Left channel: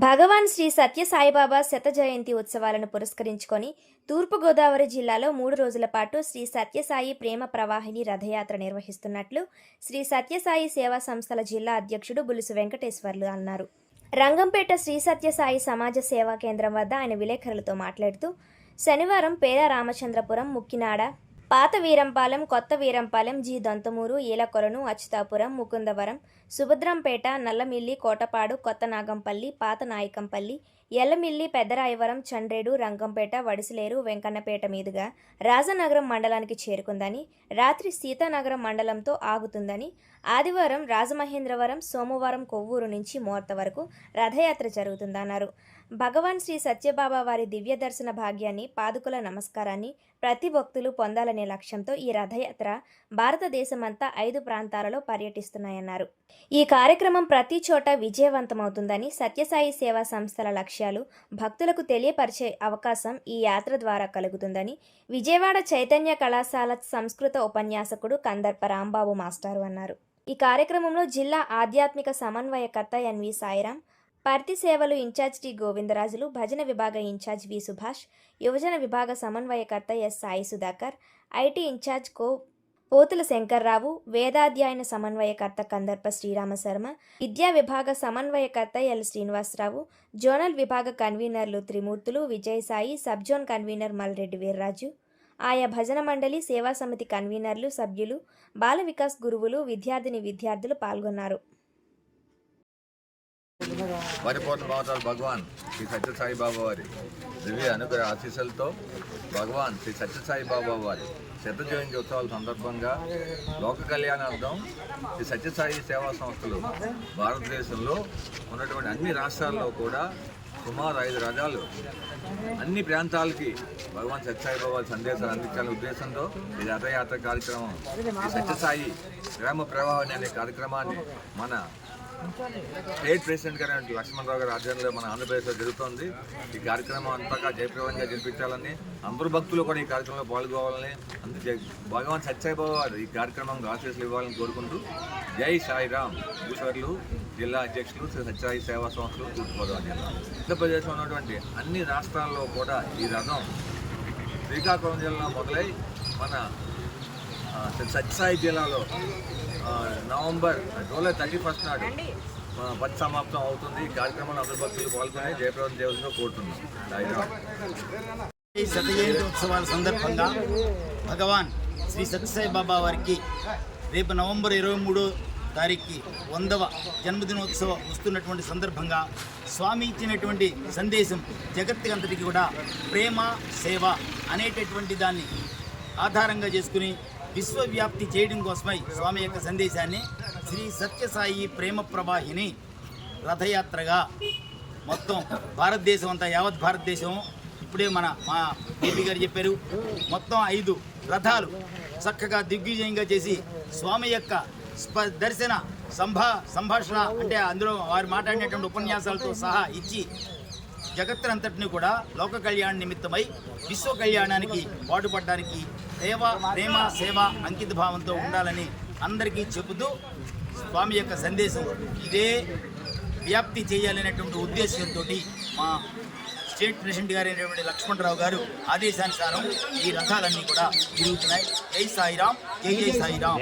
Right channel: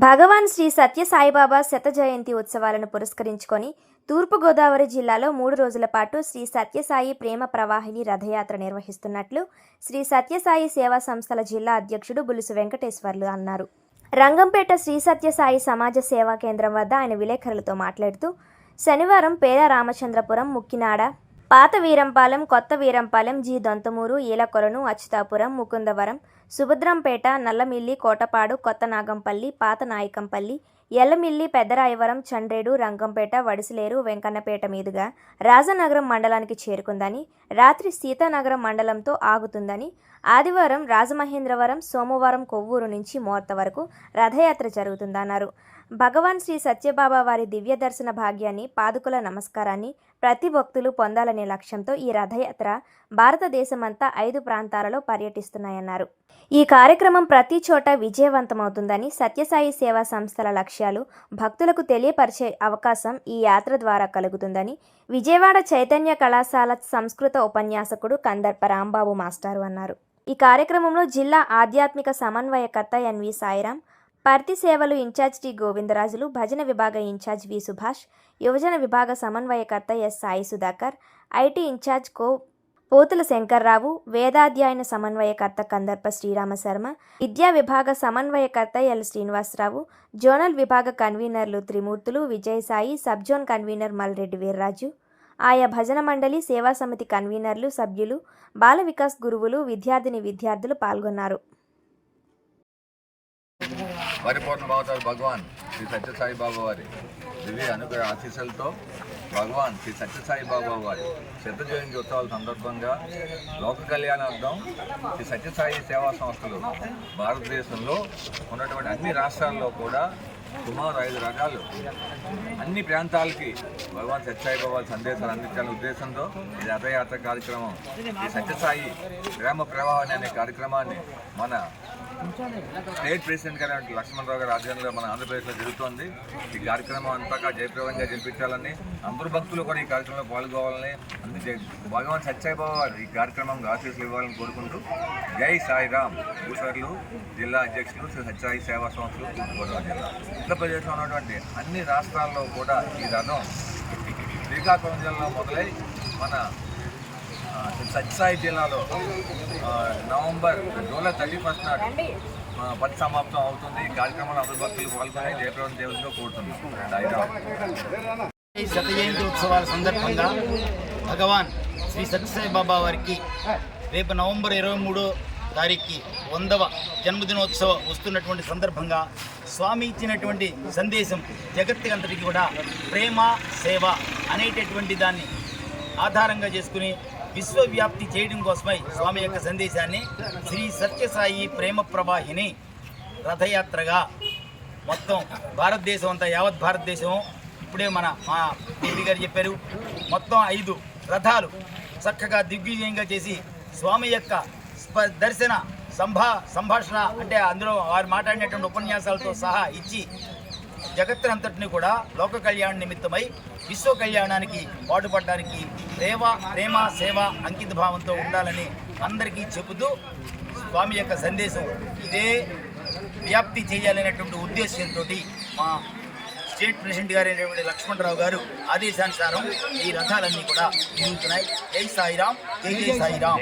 భగవాన్ శ్రీ సత్య సాయిబాబా శత జయంతి ఉత్సవాలను పురస్కరించుకొని తూర్పుగోదావరి జిల్లాలో మూడు రోజుల పాటు శ్రీ సత్యసాయి ప్రేమ ప్రవాహిని రథయాత్ర నిర్వహిస్తున్నట్లు శ్రీ సత్యసాయి సేవా సంస్థల జిల్లా అధ్యక్షుడు బులుసు వెంకటేశ్వర్లు అన్నారు. రంగంపేట శ్రీ సత్యసాయి సమాజ సేవా కేంద్రం వద్ద ఆయన విలేకరులతో మాట్లాడుతూ శనివారం పేద రామచంద్రపురం ముక్కినాడ పాత వీరంపాలెం కొత్త వీరంపాలెం జి. దొంతమూరు ఈలకొలను అచ్యుతాపురం ముకుందవరం సుభద్రంపేట నల్లమిల్లి కోటపాడు కొత్త నాగంపల్లి పాత నాయకంపల్లి ఎల్లమిల్లి పెద్దరాయవరం చండ్రేడు రంగంపేట వడిసిలేరు వెంకన్నపేట మీదుగా రాజనగరం మండలానికి చేరుకుందని రాత్రి సీతానగరం మండలంతో ఆగుతుందని ఆదివారం రాజమహేంద్రవరం సోమవారం కొవ్వూరు నుంచి మోర్త వరకు రథయాత్ర జరుగుతుందన్నారు. భగవాన్ శ్రీ సత్యబాబా వారి దివ్య దర్శన భాగ్యాన్ని పాదుకుల నమస్కారాన్ని ప్రతి భక్తులు పొందాలనే లక్ష్యంతో ఈ రథయాత్ర భారతదేశమంతా ఐదు ప్రాంతాలలో పర్యటిస్తున్నాయన్నారు. ఈ కార్యక్రమం ప్రతి చోట విజయవంతమవుతుందని సత్యసాయి సేవా సంస్థల లక్ష్యం. విషయాలు భక్తులకు తెలియపరిచే అవకాశం ఈ యాత్ర ద్వారా కలుగుతుందని విజయవాడ చైతన్య కళాశాల సంస్కృత ఉపన్యాసకుడు కందర్ప రాంబాబు మాస్టారు అన్నారు. ఈ కార్యక్రమంలో జిల్లా ఆధ్యాత్మిక సమన్వయకర్త ఎన్వి సాయిరాం పర్తి సేవలు ఇన్ఛార్జ్ టి గోవిందరాజులు భజన విభాగ ఇన్ఛార్జ్ వి సుభాష్ యువజన విభాగ సమన్వయకర్త S Sai Sudhakar IT incharge కో పోతుల శంకర్రావు వేదాధ్యయన సమన్వయకర్త కందర్ప శ్రీరామ శర్మ విద్యా విభాగ సమన్వయకర్త ఎల్ శ్రీనివాసరావు జోనల్ విభాగ కన్వీనర్లు Trimurthulu Vijayasai sub zone convener Malreddy Veerraju ఆయా భజన మండలి సేవా సమితి కన్వీనర్లు సభ్యులు బాల వికాస్ గురువులు విద్యార్థిని విద్యార్థులు పాల్గొన్నారు. పరిపూర్ణ భావతాలు భగవాన్ శ్రీ సత్యసాయి బాబా వారి. దివ్య అనుగ్రహ ఆశీస్సులతో భగవాన్ శ్రీ సత్యసాయి బాబా వారి శ్రద్ధ జయంతి ఉత్సవాల సందర్భంగా లోక కళ్యాణార్థం శ్రీ సత్యసాయి సేవా సంస్థలు భారతదేశంలో ఉన్నటువంటి అన్ని రాష్ట్రాల్లో కూడా సుమారు ఐదు రకాలు అన్ని ప్రాంతాలకి భగవాన్ సత్యసాయి బాబా సందేశాలు అందించాలనే ఉద్దేశంతో ఈ రథయాత్ర కార్యక్రమం ఈ సత్యసాయి గ్రామ ప్రవాహం అనే కార్యక్రమాన్ని మన స్టేట్ ప్రెసిడెంట్ గారు లక్ష్మణరావు గారి ఆధ్వర్యంలో మన ఆంధ్రప్రదేశ్లో జరుగుతోంది. ఈ కార్యక్రమం అంతగా జయప్రవంగా జరిపించాలని అందరు భక్తులు కూడా ఈ కార్యక్రమంలో పాల్గొవాలని అందుకే భగవాన్ సత్యాయిబాబు వారు ఈ కార్యక్రమం ఆశీస్సులు ఇవ్వాలని కోరుకుంటూ జై సాయిరామ్. భూసర్లు జిల్లా అధ్యక్షులు శ్రీ సత్యాయి సేవా సంస్థలు తూర్పుగోదావరి జిల్లా. ఆంధ్రప్రదేశ్లో ఉన్నటువంటి అన్ని రాష్ట్రాల్లో కూడా ఈ రథం శ్రీకాకుళం జిల్లా మొదలై మన ఆ, సత్యసాయి జిల్లాలో నవంబర్ జూలై థర్టీ ఫస్ట్ నాడు ఆ, సమాప్తం అవుతుంది. కార్యక్రమంలో అందరి భక్తులు పాల్గొని జయప్రదం చేయవలసిందిగా కోరుతున్నాం. ఈ శత జయంతి ఉత్సవాల సందర్భంగా భగవాన్ శ్రీ సత్యసాయి బాబా వారికి రేపు నవంబర్ ఇరవై మూడో తారీఖుకి వందవ జన్మదినోత్సవం వస్తున్నటువంటి సందర్భంగా స్వామి ఇచ్చినటువంటి సందేశం జగత్తుకంతటికి కూడా ప్రేమ సేవ అనేటటువంటి దాన్ని ఆధారంగా చేసుకుని విశ్వవ్యాప్తి చేయడం కోసమై స్వామి యొక్క సందేశాన్ని శ్రీ సత్యసాయి ప్రేమ ప్రవాహిని రథయాత్రగా మొత్తం భారతదేశం అంతా యావత్ భారతదేశం ఇప్పుడే మన మా డిపి గారు చెప్పారు. మొత్తం ఐదు రథాలు చక్కగా దిగ్విజయంగా చేసి స్వామి యొక్క స్ప దర్శన సంభా సంభాషణ అంటే అందులో వారు మాట్లాడినటువంటి ఉపన్యాసాలతో సహా ఇచ్చి జగత్తునంతటిని కూడా లోక కళ్యాణ నిమిత్తమై విశ్వ కళ్యాణానికి పాటుపడడానికి ప్రేమ ప్రేమ సేవ అంకిత భావంతో ఉండాలని అందరికీ చెబుతూ స్వామి యొక్క సందేశం ఇదే వ్యాప్తి చేయాలనేటువంటి ఉద్దేశంతో మా స్టేట్ ప్రెసిడెంట్ గారు లక్ష్మణరావు గారు ఆదేశానుసారం ఈ రథాలన్నీ కూడా తిరుగుతున్నాయి. జై సాయిరాం జై జై సాయిరాం